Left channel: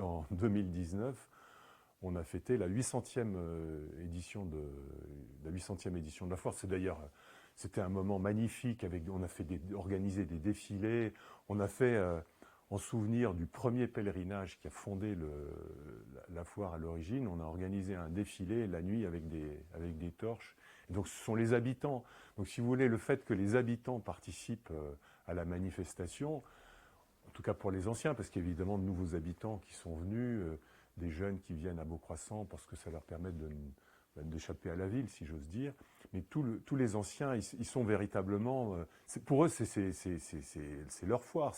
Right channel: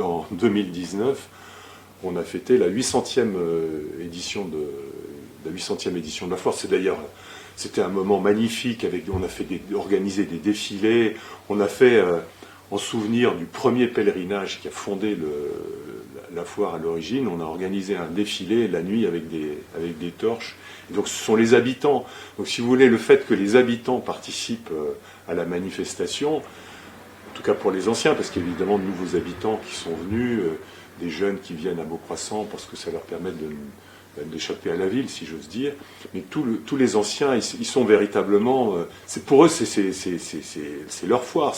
en 2019, on a fêté la 800e édition de la foire. C'est d'ailleurs, c'était un moment magnifique. On a organisé des défilés. On a fait, en souvenir du premier pèlerinage qui a fondé la foire à l'origine, on a organisé un défilé la nuit avec des torches. Et donc ce sont les habitants. Donc si vous voulez, le fait que les habitants participent à la manifestation, en tout cas pour les anciens, parce qu'il y a évidemment de nouveaux habitants qui sont venus, des jeunes qui viennent à Beaucroissant parce que ça leur permet d'échapper à la ville, si j'ose dire. Mais tous les anciens, ils sont véritablement... pour eux, c'est leur foire.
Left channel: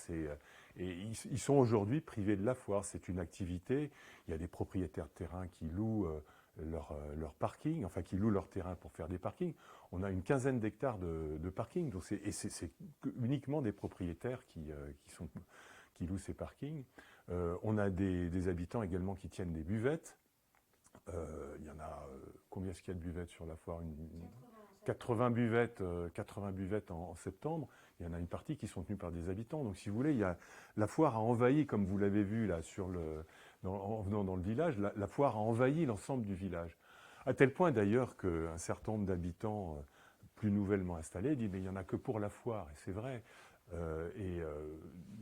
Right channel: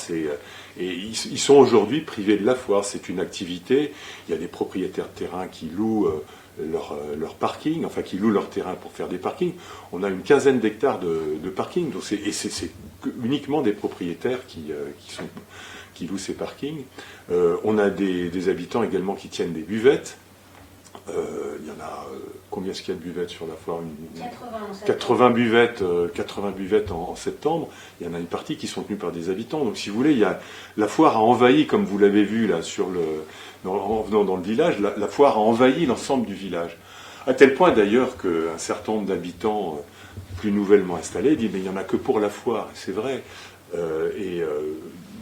Et ils sont aujourd'hui privés de la foire. C'est une activité. Il y a des propriétaires de terrain qui louent leur parking, enfin qui louent leur terrain pour faire des parkings. On a une quinzaine d'hectares de parking. Donc c'est uniquement des propriétaires qui louent ces parkings. On a des habitants également qui tiennent des buvettes. Il y en a, combien est-ce qu'il y a de buvettes sur la foire? 80 buvettes, 80 buvettes en septembre. Il y en a une partie qui sont tenues par des habitants. Donc si vous voulez, la foire a envahi, comme vous l'avez vu là en venant dans le village, la foire a envahi l'ensemble du village. À tel point d'ailleurs qu'un certain nombre d'habitants plus nouvellement installés disent mais il n'y en a que pour la foire. C'est vrai.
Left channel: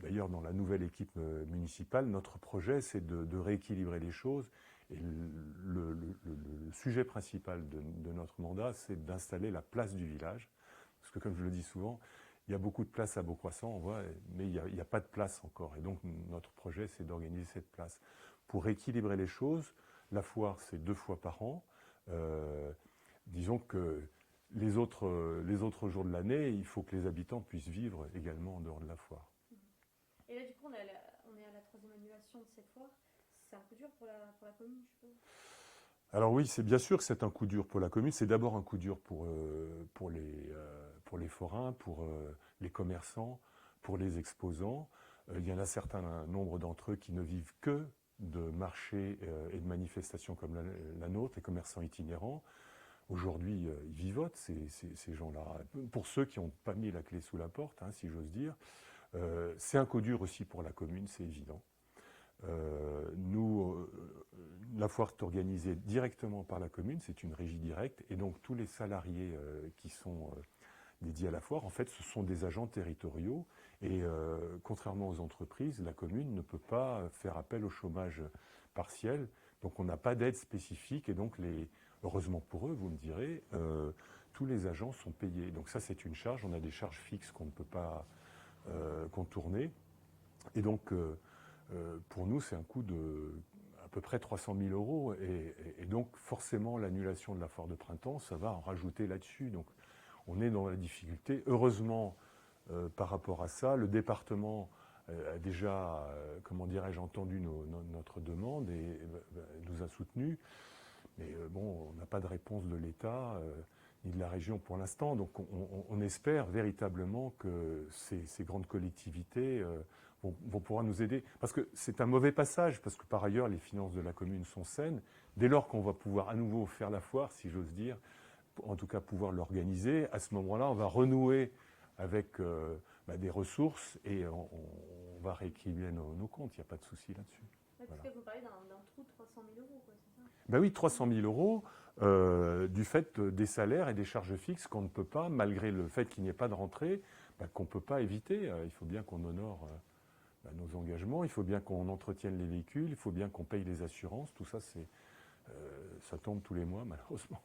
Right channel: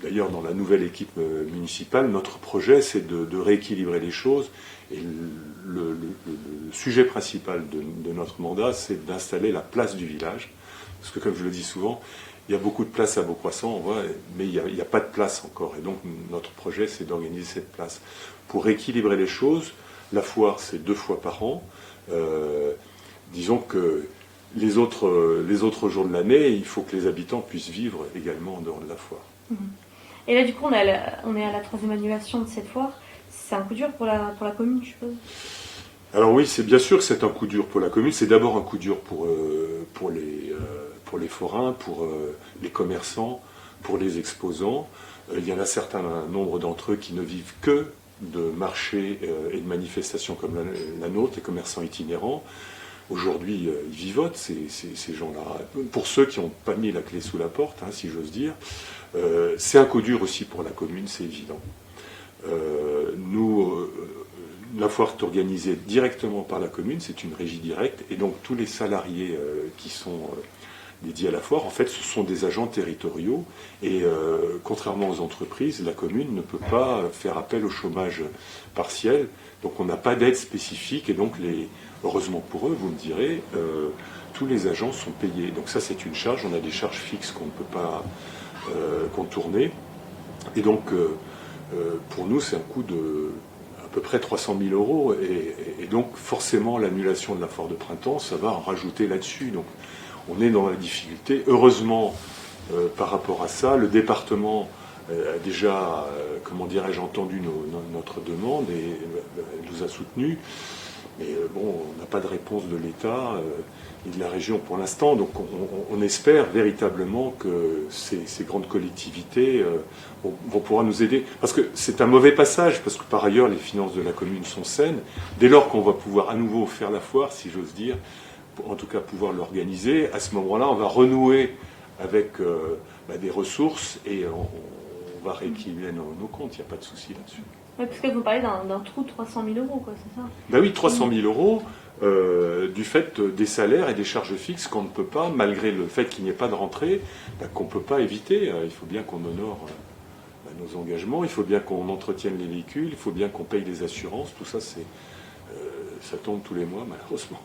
D'ailleurs, dans la nouvelle équipe municipale, notre projet, c'est de rééquilibrer les choses. Et le sujet principal de notre mandat, c'est d'installer la place du village. Parce que, comme je le dis souvent, il y a beaucoup de places à Beaucroissant, on voit, mais il n'y a pas de place encore. Et donc, notre projet, c'est d'organiser cette place. Pour rééquilibrer les choses, la foire, c'est 2 fois par an. Disons que les autres jours de l'année, il faut que les habitants puissent vivre également en dehors de la foire. Et là, du coup, on est à la 3e annulation de cette foire. C'est un coup dur pour la commune, je suppose. Alors oui, c'est bien sûr que c'est un coup dur pour la commune. C'est d'abord un coup dur pour les forains, pour les commerçants, pour les exposants. Il y en a certains nombre d'entre eux qui ne vivent que de marchés et de manifestations comme la nôtre, les commerçants itinérants. Aujourd'hui, ils vivotent, ces gens-là. Pour ceux qui n'ont pas mis la clé sous la porte, si j'ose dire, c'est un coup dur aussi pour la commune, c'est évident. La foire est organisée directement par la commune, c'est une régie directe, et donc tous les salariés qui sont dédiés à la foire, en fait, ce sont des agents territoriaux, et contrairement aux entreprises, la commune ne peut pas faire appel au chômage partiel, donc on n'a pas d'aide spécifique, et donc heureusement pour eux, vous me direz, tous les agents sont payés. Donc ça, c'est une charge, on a des charges fixes qu'on ne peut pas contourner, et donc pour nous, c'est un coût de à peu près 300 000 euros. Et donc, forcément, l'annulation de la foire de printemps, ça va en rajouter là-dessus. Donc, on est dans la difficulté. Heureusement, par rapport à ça, le département a déjà, comment dirais-je, entendu notre demande et nous a soutenus. Mais bon, on n'a pas de réponse de l'État et de la région pour l'instant. Donc on espère véritablement que ces grandes collectivités vont pouvoir nous aider. Parce que c'est un mauvais passage, parce que par ailleurs, les finances de la commune sont saines. Dès lors qu'on va pouvoir à nouveau faire la foire, si j'ose dire, en tout cas pouvoir l'organiser, à ce moment-là, on va renouer avec des ressources et on va rééquilibrer nos comptes. Il n'y a pas de souci là-dessus. Oui, parce que vous parlez d'un trou de 300 000 euros, quoi, c'est ça? Ben oui, 300 000 euros du fait des salaires et des charges fixes qu'on ne peut pas, malgré le fait qu'il n'y ait pas de rentrée, qu'on ne peut pas éviter. Il faut bien qu'on honore nos engagements, il faut bien qu'on entretienne les véhicules, il faut bien qu'on paye les assurances. Tout ça, ça tombe tous les mois, malheureusement.